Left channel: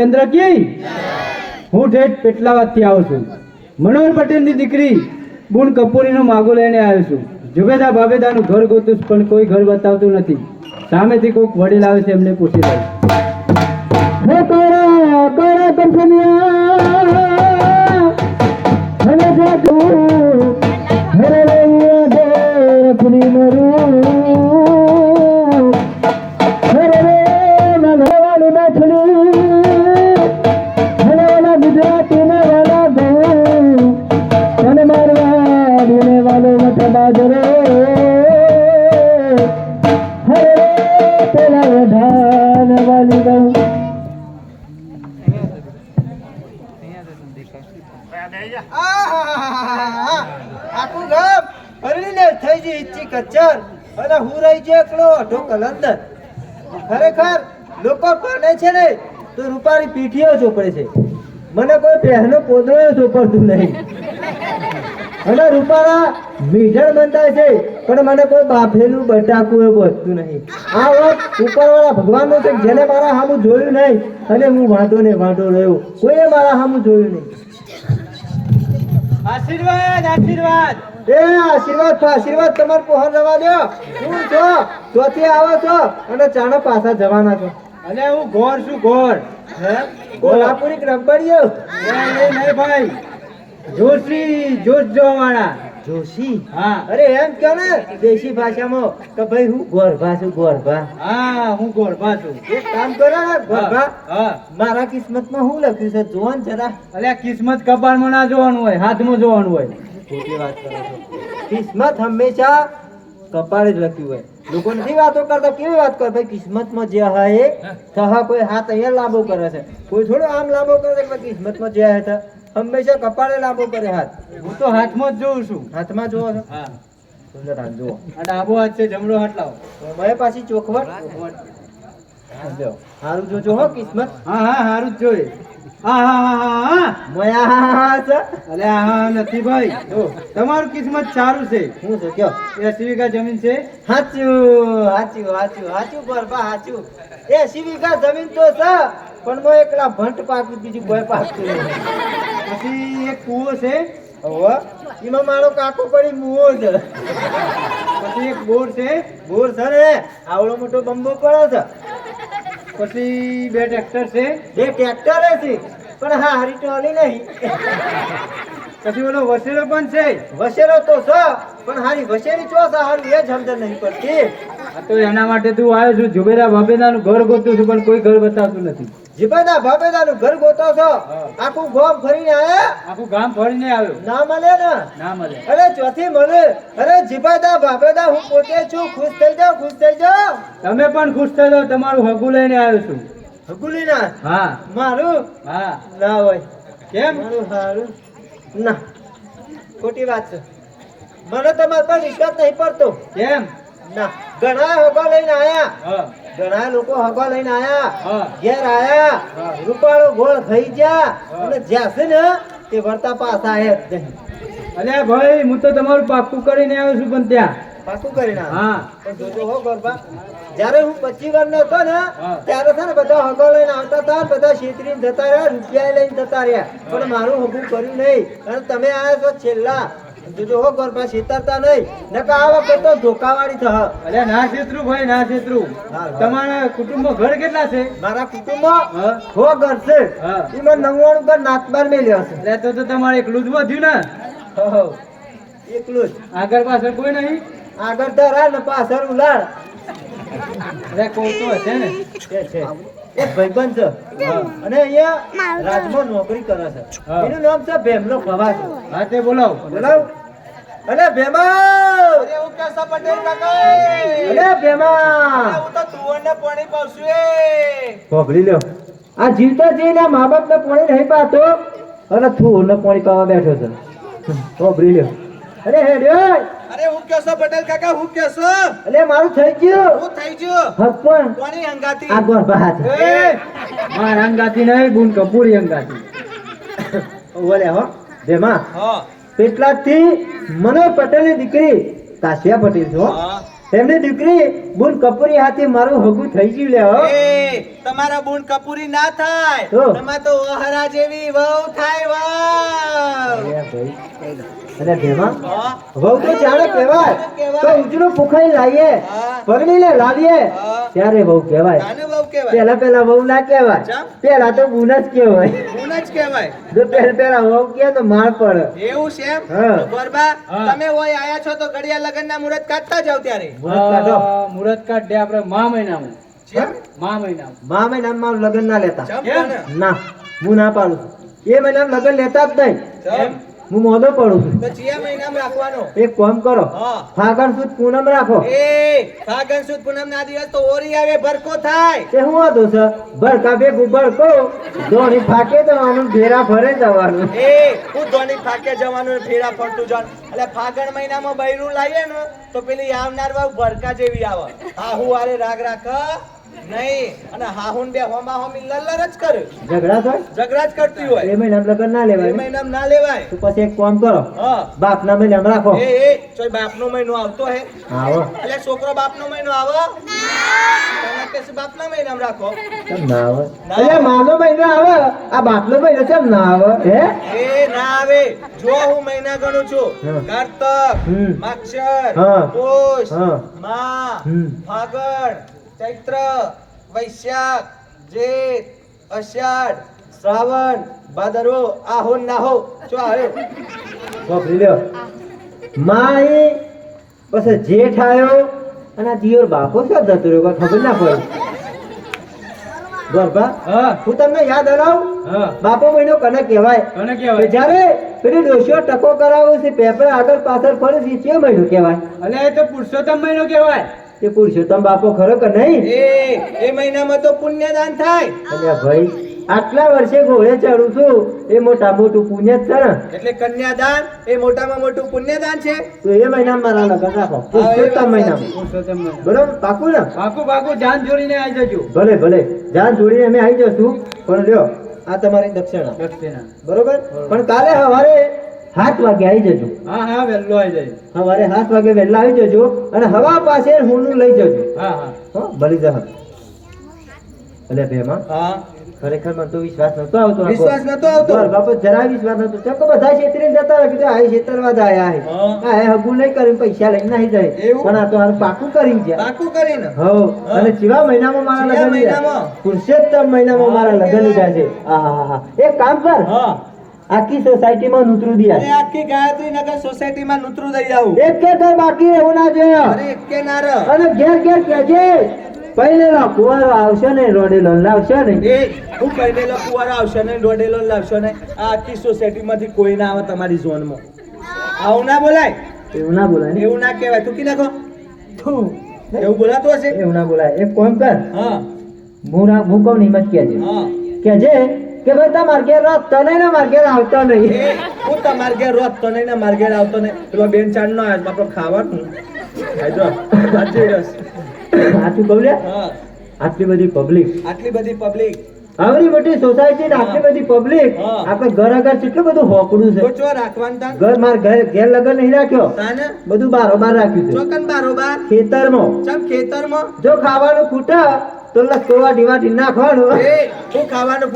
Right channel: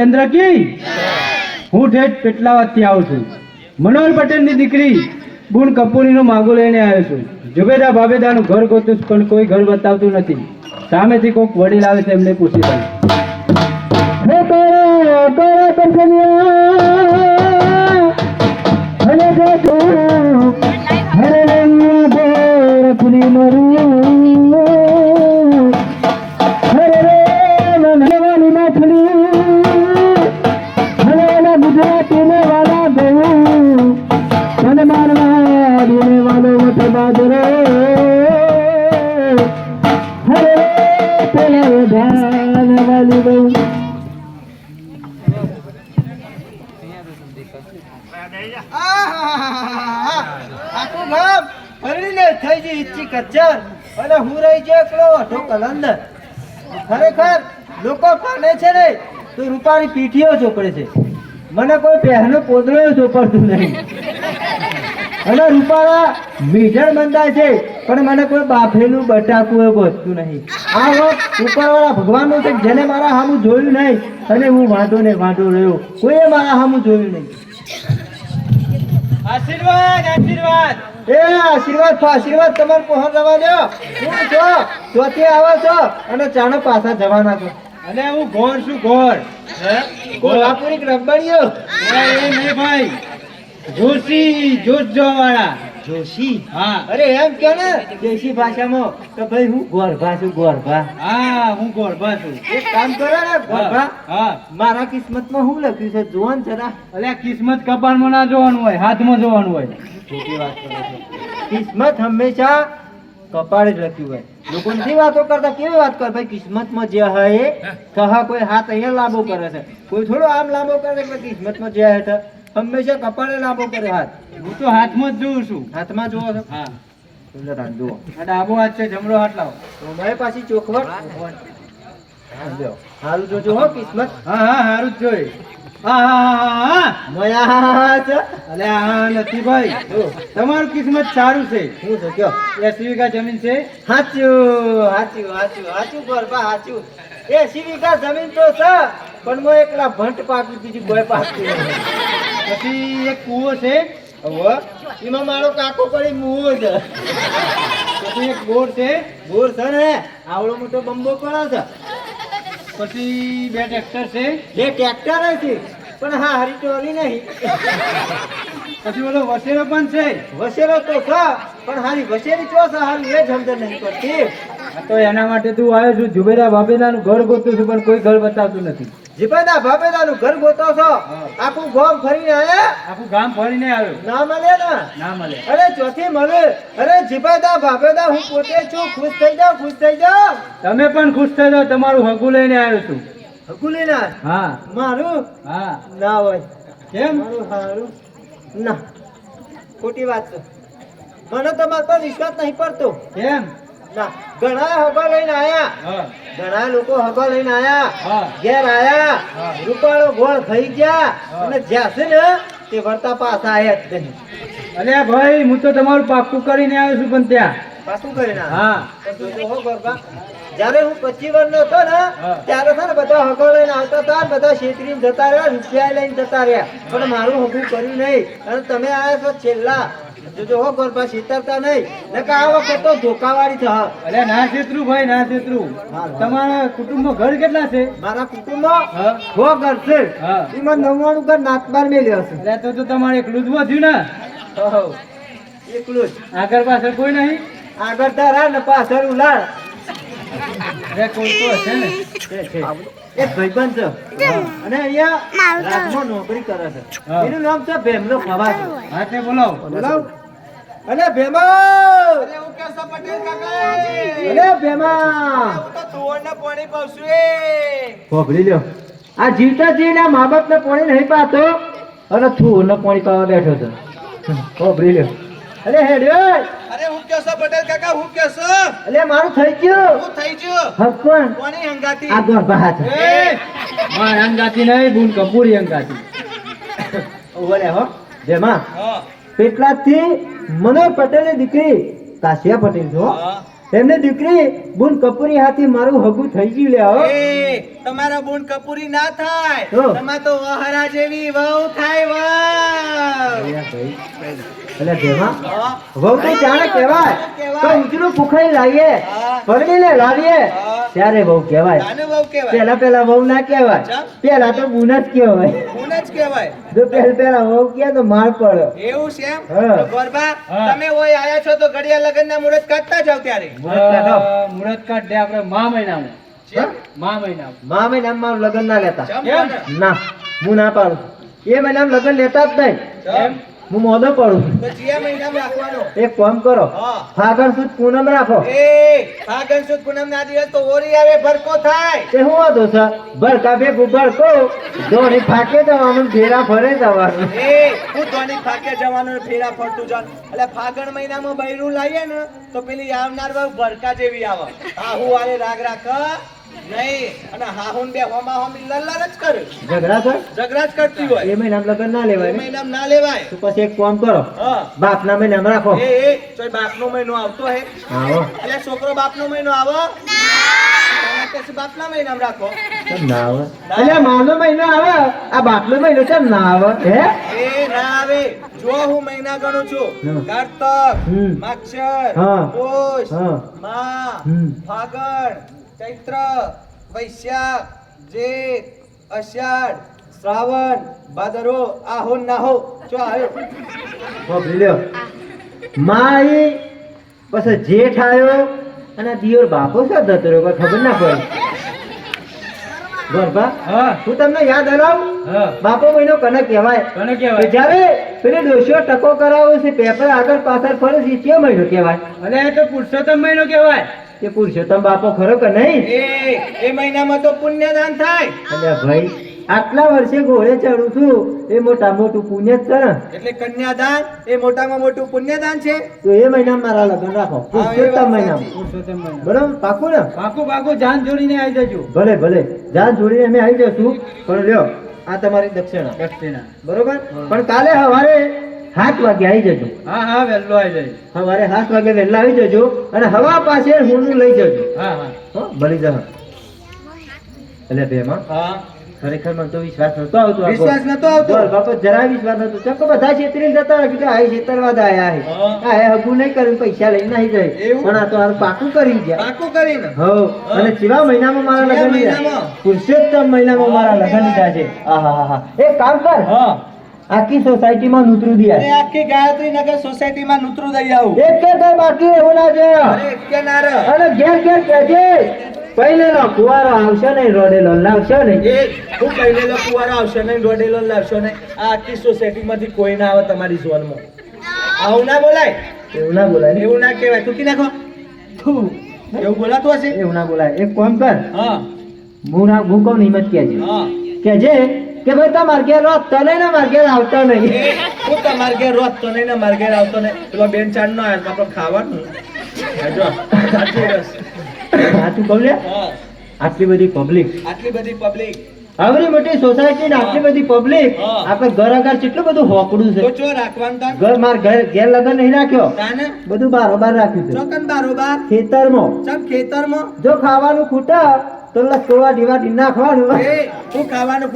ચંદ્ર કી હું ઠેઠ પેટલાવાદથી આવું છું. મનોહર પટેલની દીકરી બુન કપૂરીનો માગો લઈને આવ્યો છું. જુબેદા બાબેદાનું ઘર ગોતું પણ કોઈ ઘર બતાવતું નથી. સામેથી કોઈક વડીલ આવે છે, એમને પૂછી લઉં. આખું ગામ ફરીને થઈ ગઈ ઈચ્છી કચ્ચર અને હું રહી ગયો એકલો અઢો કલંદર. ખરેખર લોકો પાને છે ને તો રૂપાની પીઠીઓ ચોપડે છે, મને કોઈ બહેનો પોદળો ચોપડતું નહીં. અને રૂપાળા મીઠળ બંધાય છે પણ મને કોઈ બાફેલું બટાકું બચતું નહીં. આ વખત ઉપરવાળા ભગવાનનું છે, જેને મારા સામું જોયું નહીં અને હું વાંધો ને વાંધો રહ્યો, કોઈએ મારા સામું જોયું નહીં. આશીર્વાદ આશીર્વાદ એ આશીર્વાદ આશીર્વાદ તમારે પહોંચ જવા દો. હું છો ચોથી આવો છો અને ચાનો પાછા જવાના છો. અને હું ગોર છું, ગોર કોલ્હાપુરી રબડીઓ નહીં ભાઈ, જોશી જોજો વાળા જોશી. હા, અરે એમ કહો ને દેશી ભાષામાં કે ભાઈ હું ગોરભા છું, ગોરભા. હા હું ગોરભા છું. એક કામ કરો ને ગોરભા, હા, મારા કિસ્મતમાં શું લખ્યું છે જોવો ને જરા. અલ્યા કિસ્મત કપાળમાં ના જોવાનું હોય, હાથમાં જોવાનું હોય. ખોટી વાત કરો છો. કિસ્મત હંમેશા કપાળે જ લખ્યું હોય. લોકો નથી વાતો કરતા, કેવી વાત કરે ભાઈ, કિસ્મતમાં જે હોય એ કહા. કોઈ હાથ અહીંયા લાંબો કરે છે, કોઈ થોડો આમ લાંબો કરે છે. કિસ્મતમાં જે હેઠળ હંમેશા કપાળે લાંબો કરે હાથ. હું તો હાથમાં જ જોઉં છું. હાથમાં જોવો છો? હા, સુંદર હાથ જુઓ. આ ડાબો હાથ છે, જમણો હાથ લાવો. તો મારે પાછી ચોખવટ સમજો. સારું જોજો હો કિસ્મત. હા હા સારું જ જોઈએ. હા હા હા હા મયા છે. અલ્યા હા નથી ભાઈ, જો તમારું કિસ્મત સારું છે. શું છે કયો? 80 વીઘા જમીન છે. હાચું હાચું હાચું હાચું ગરબા હાચું. 80 વીઘા જમીન તો છે પણ મો એકલા ભંટ પાકી, બીજું કોઈ પાકતું નહીં. પછી એક કૂવો છે. હવે એમાં મારો કાકો પડી મુવો છે. પછી એક બોર છે. બોર છે ને આવડો મોટો બંબો પડે છે. પછી 2 ટ્રેક્ટર છે. બે ટ્રેક્ટર છે પણ હા હારી ટોલી નહીં. પછી ઓલો વસેરો પણ છે. વસેરો તો છે પણ હારી વસેરી ચો છે, હારી એ જ સમજણ નહીં પડતી. તો એના માટે તું આવ્યો છું. જુબેરા બાબેદાનું ઘર ગોતું છું પણ કોઈ ઘર બતાવતું નથી. જીપેદા ભાભેદાનું ઘર ગોતો છો, આખું ગામ ફરીને આયા, આખું ગામ ફરીને આવ્યો, ના મળે ને. ના મળે. અરે ચોથી મળે. અરે જીપેદા ભાભેદા હું પોતે છું, ખુશ થઈ જાવ, ખુશ થઈ જાવ. તમે પણ ખુશ થઈ જાઓ. તમારું હગું લઈને આવ્યો છું. હકુલીના હા મારું હા. ના હોય. કેમ? મારું હારું ના, ખોટી વાત છે. મને તમારા પર વિશ્વાસ નહીં પડતો. કેમ? ના, ઘણા હગા લઈને આયા, હા ઘણા લોકો હગા લઈને આયા, હા ઘેર આયા, હા. રૂપાળો ગોળ થઈ ગયા હા. અને જ્યાં છે ને તે વર્તા પાછા આયા જ નહીં. અલ્યા ભાઈ, હું તો તમારું પાક્કું કરીને આવ્યો છું. પણ ત્યાં પાછું કરીને આયા. હા પણ જોજો હો ગરબા, જ્યારે હું 25 વર્ષનો હતો ને હા. ત્યારે છે ને બધા હગો લઈને આવતા હતા, બધા છેતરીને જતા રહ્યા, રૂપિયા લઈને જતા રહ્યા, પણ મારું હગું કર્યું નહીં. અને તમે આયા છો છેલ્લા. જોજો હો ગરબા, છેતરતા નહીં, નકર આ વખત તો ધોકાવાળી થશે. અલ્યા ના છેતરું ભાઈ, ના છેતરું. હા. તમારા કુટુંબમાં ઘર કેટલા છે? મારા કુટુંબમાં હા 6 ઘર છે. હા. એમાં 99 ઘર નાતબાર મેલ્યો છે. અલ્યા તો તમારે એકલું જ વધ્યું ને. હો, એકલું જ. આગળ પાછળ કોઈ નહીં? આગળ ધરા ને પાછળ ઉલાળ. અરે કોઈ તો હશે ને. છે. એક ભાઈબંધ છે અને અહીંયા રાજમાં નોકરી કરે છે. હા. એનું નામ છે ભેમલો ખવાસ. હા તે બોલાવો. બોલાવ. અલે ભેમા, અરે હું કેસા પટેલ કાકા અલે ભેમા, હું તો તુવરને પાણી પાવશું એ ભોગળી લ્યો. આ જીવતા જીવના મા બાપ ને પાણી નહીં પાતો અને થૂર ને પાણી પાવા બેઠો છે. ભોગળી લ્યો. અરે હેડ્યો. અરે હું કેસા પટેલ કાકા હું કેસો અલે મારું થઈ ગયું. હું થઈ ગયો હસપણ પાણી હંગાતી આ ગોર હાથ. એ માર અંગાતી નહીં, બુન કપૂરી અંગાતી. ઓલે હો ભેમા, હા પેટલાથી મનોહર પટેલની દીકરી કાશિયા પટેલ છો. હા એમની દીકરી બુન કપૂરી હાથી મારું હગું થઈ ગયું લે હો. એ તમારા બુન કપૂરી ના થાય હો. તમાર તો વહરા જેવી વહુ થાય વહુ. અરે ભાઈ અરે દેવા હા. વહુ તો જાણે કહેવાય કહેવાય. તો ઉજળું પુખાઈ લાવીએ હા. પરણીને લાવીએ હા. ત્યારે વહુ કહેવાય. આને વહુ કહેવાય પેલા વહુ ના કહેવાય ચમ? પેલા તો બુન જ કહેવાય. બુન જ કહેવાય જો પેલા વહુ કહે તો માર પડે. એવું છે એમ? હા. તો ગોરબા હા. તમે ઓય આયા છો તો ઘડિયા લગનના મુહૂર્ત કાઢતા જાવ ત્યારે મુહૂર્ત કાઢ દે આપણે મા મહિનામાં જેમ? મા મહિનામાં મા મહિનામાં લગ્ન ના લેતા ચમ કેમ? કોને? ના હું ના પાડું છું એ મહિનામાં લગ્ન લેતા જ નહીં ચમ? હું મોદો પડું છું તો ચિયા મહિનામાં રાખવાનો એક કામ કરો હા. ફાગણ સુદ પૂનમ રાખો એ ફાગણ સુદ પૂનમના દિવસ તો હોરી આવે ભરકો થાય તે હું હતો સર ભડકા બે ભડકો દોડી ફાકે જવાનું ભેરા ફરે જવાનું એ હું ધોની થાકે જવાનું ફેરા ફરતું જાન એટલે ફાગણ મહિનામાં બૈરું લાવીએ ને તો પેલી આવનાર વહુ ભરકા જેવી આવે હાહુ વારે રાગ રાખ નહીં અને હાહુન બે હોમા હોમી લલ્લર જ કરે ઝઘડા સર ઝઘડા જ કરતી હોય એ મહિનામાં લગ્ન ના એ લેવાય ને? મહિનામાં ના લેવાય તો પછી એક કામ કરો હા બાપના મહિનામાં રાખો એ તોય બાપનો મહિનો આવતો હે આવો એટલે છોકરો બાપનો મહિનો આવો તમે કશું બાપના મહિનામાં રાખો કેમ ના આવે અલ્યા માનો મહિનો આવે આ બાપનો મહિનો કેમ ના આવે હે એ ના આવે જો હું મહિના ગણું છું હમ. કારતક હમ. માક્ષર હા. પોષ હા. મા હમ. ફાગણ ચૈત્ર વૈશાખ જેઠ અષાઢ શ્રાવણ ભાદરો આહોન નાહો જો આવ્યો વાપરી લ્યો માઈ પછી જેઠ આવ્યો અને આ દિયોર બાપો શું જતો રહ્યો કોઈ ખબર ના પડી ગોરબા હા હું તમને યાદ અલાવું હા બાપો મહિનો કને કહેવાય કોને કે કહેવાય જ્યારે પેલી ડોશીઓ ટકો કરાવો છે પેપર આગળ પાછળ ફરે છે કયો મહિનો કહેવાય અરે એ તો પુરુષોત્તમ મહિનો કહેવાય તે પુરુષોત્તમ બાપો ખરો કે નહીં એ મહિનામાં તો પુણ્યદાન થાય અને ભાઈ આટલા વર્ષે ઘોડે ચડું છું એ મોટા મોટું પુણ્ય જ છે ને એટલે કન્યાદાન એ મોટામાં મોટું પુણ્યદાન છે તો એ મહિનામાં મારા લગ્ન રાખો પુરુષોત્તમ મહિનામાં પુરુષોત્તમ મહિનો બરોબર પાકું ને પાકું પાકું જાન જોડીને આવી જજો ભલે ભલે જાન જોડીને અમે આવી જશું પણ લ્યો આ તમારી દક્ષિણા દક્ષિણા બરોબર પણ કાલે સવારે 7 વાગે આવી જજો હા હા વહેલો આવી જાય સવારે 7 વાગે વહેલા આવી જજો અને હવા પાસે હુંડું લઈ જજો હા હા હો ભલી જા એટલે ભેમાં હા ખરેખર મને તો વિશ્વાસ નતો આવતો વિશ્વાસ નતો આવતો? બોલ, બાપો જરાય વિશ્વાસ નતો ચકો બધા છેતરીને જતા રહે કે આ છેતરવા જ આયા હે હા. આ હે હગું નહીં કરીને પૈસા લઈને નહીં જાય એવું? પણ આ તો હારું પાકું કરી ગયા પાકું કરીને હો અને ચીવા મહિનામાં મારા ચીવા લગ્ન લીધા? મહિનામાં? પુરુષોત્તમ મહિનામાં મારા લગ્ન લીધા છે આહાહા. એક કામ કર હા આખી સોસાયટીમાં નૂતરું અરે દિયા આખી ગાયત્રી નગર સોસાયટીમાં નૂતરું દઈ આવું એક કે તો બાકી એવું ના છે અરે કે ના રે અને ઘેર ઘેર કહેજે પહેલેનો કુવારો આવશે ને રોડેલો લાવશે ને એ હું કહેલેલો કુવારો આવશે નહીં દોડેલો લાવશો નહીં આ આખી સોસાયટીમાંથી કોઈ ના આવે તમારી ઝોનમાં આવું ના બોલાય એવું ના બોલાય ને એવું ના કહેવાય તું કી નાખો એવું બોલાતું હશે એવું ના બોલાય એક કામ કર હા હું કહું નહીં મત કહેજે હા કહેજે કે ભાઈ તમારે ઘેર રાત તને ને મારે ઘેર આવતો નહીં એ હું તમારે ઘેર રોજ તો નહીં ને મારે ઘેર આવતો નહીં પેલો બેન ચાંદ નો આવ્યો આપણે ખાવાનું હાજો સાચી રસ આ તું કહું લે હા આટલી બધી પબ્લિક આટલી બધી પબ્લિક આવડી મોટી સોસાયટી ને આટલી બધી પબ્લિક હા. આપણે ઘર આગળ કેટલું બધું હોકડું તો છે ચો રાખવાનું તાન ઘર માર ઘેર લગન નહીં રાખ્યો તાને બધું બારોબાર રાખ્યું છે ચોકન બારોબાર ખેતરમાં ચમ ખેતરમાં જો ખાવાનું ખૂટા તો લસકોવા ડીવાટી નાખવાનું એ હું ખાવાનું